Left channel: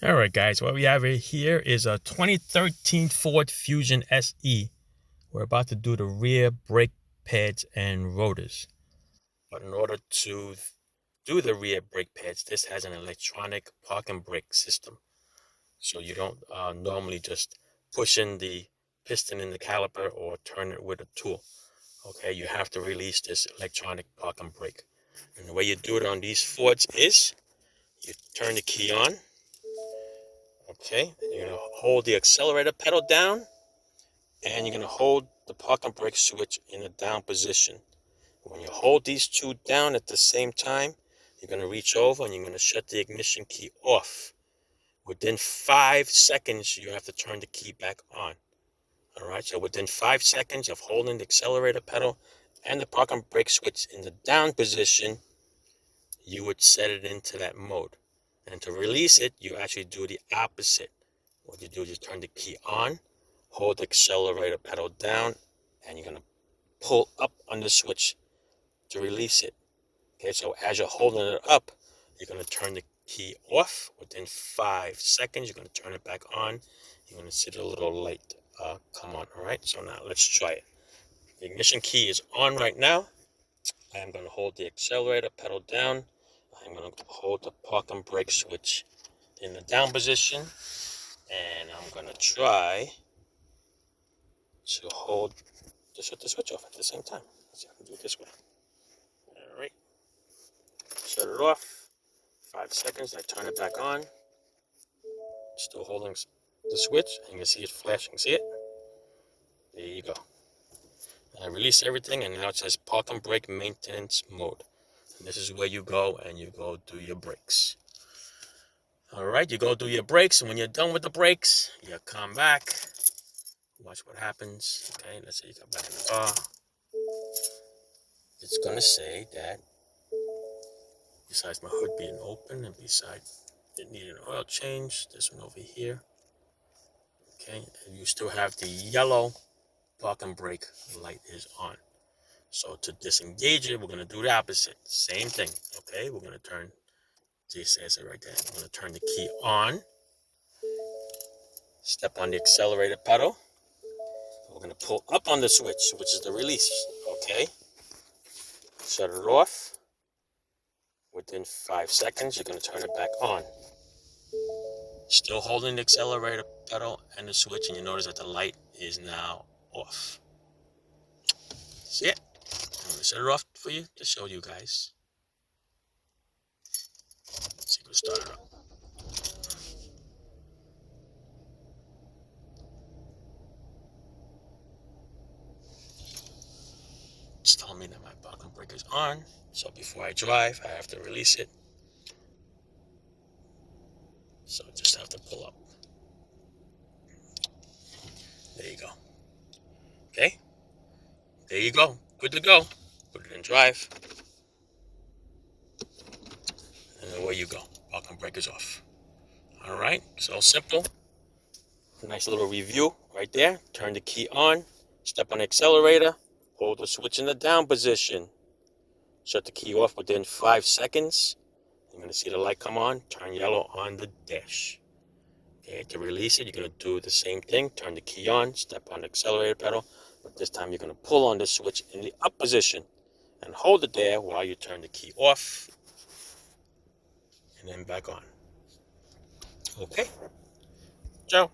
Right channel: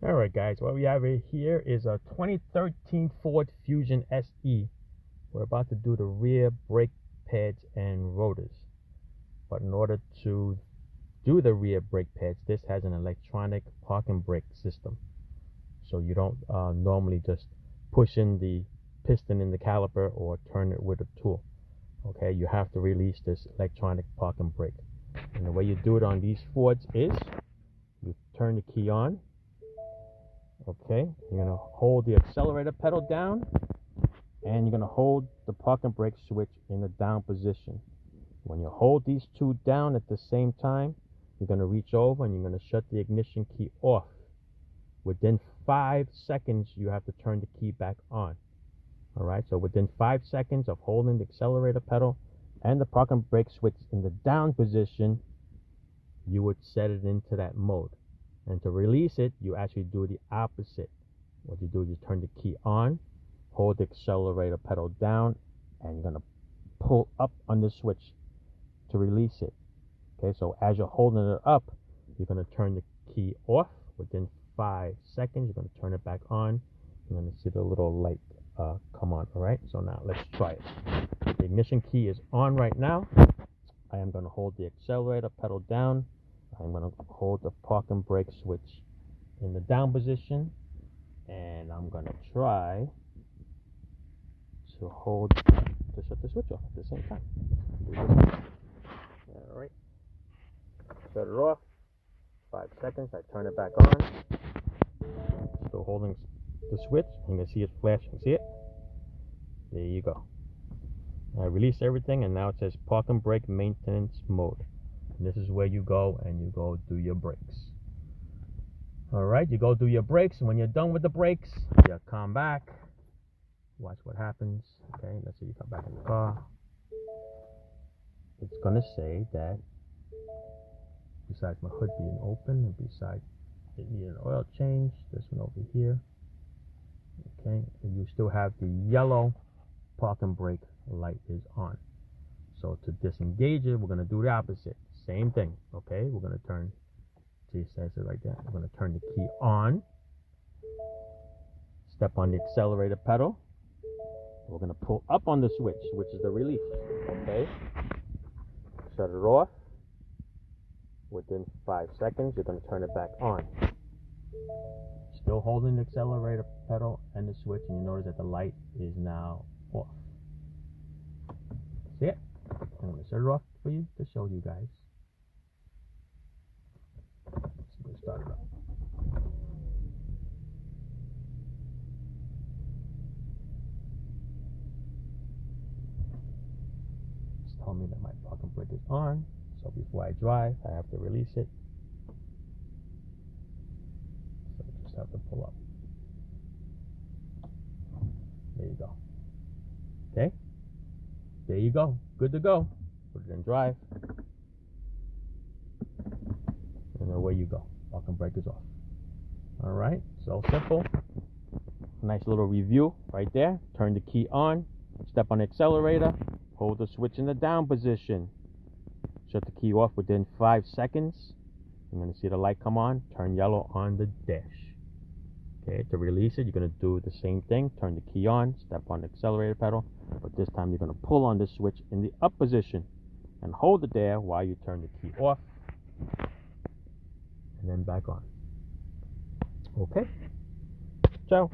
All right, guys, what we have here is a 2013 Ford Fusion SE. We're about to do the rear brake pads and rotors. But in order to do the rear brake pads, this has an electronic parking brake system. So you don't normally just push in the piston in the caliper or turn it with a tool. Okay, you have to release this electronic parking brake. And the way you do it on these Fords is you turn the key on. Okay, you're gonna hold the accelerator pedal down and you're gonna hold the parking brake switch in the down position. When you hold these two down at the same time, you're gonna reach over and you're gonna shut the ignition key off. Within 5 seconds, you have to turn the key back on. All right, so within 5 seconds of holding the accelerator pedal and the parking brake switch in the down position, you would set it into that mode. And to release it, you actually do the opposite. What you do is you turn the key on, hold the accelerator pedal down, and you're gonna pull up on the switch to release it. Okay, so as you're holding it up, you're gonna turn the key off. Within 5 seconds, you're gonna turn it back on. You're gonna see the little light come on. All right, so now let's try it. The ignition key is on right now. I am gonna hold the accelerator pedal down. I'm going to hold the parking brake switch in the down position, and I'm going to try to shut the switch off at the same time. So do this one. All right, shut it off. 5 seconds, I turn it back on. Still holding the switch, and you can see it flashing. See it? There you go. I release everything, and now it says parking brake maintenance mode. And this is where you go and you go do your brakes. All right, you go do your brakes, and when you're done with the brakes, you come back, watch what happens. Okay, let's say you come back in the car. It's gonna say that besides my hood being open and besides it needed an oil change, this one over here. Okay, and you still have the yellow parking brake light is on. So to disengage it, we're going to do the opposite. Same thing, okay? We're going to turn, see, it says it right there. We're going to turn the key on. Step on the accelerator pedal. We're going to pull up on the switch, which is the release, okay? Shut it off. Within 5 seconds, you're going to turn it back on. Still holding the accelerator pedal and the switch, and you notice that the light is now off. See it? I'm going to shut it off for you to show you guys. Let's see if we can start it up. It's telling me that my parking brake is on. So before I drive, I have to release it. So I just have to pull up. There you go. Okay? There you go. Good to go. Put it in drive. And away you go. Parking brake is off. All right, so simple. Nice little review right there. Turn the key on. Step on the accelerator. Hold the switch in the down position. Shut the key off within 5 seconds. You're going to see the light come on. Turn yellow on the dash. Okay, to release it, you're going to do the same thing. Turn the key on. Step on the accelerator pedal. But this time you're going to pull on the switch in the up position. And hold it there while you turn the key off. And then back on. Okay. Ciao.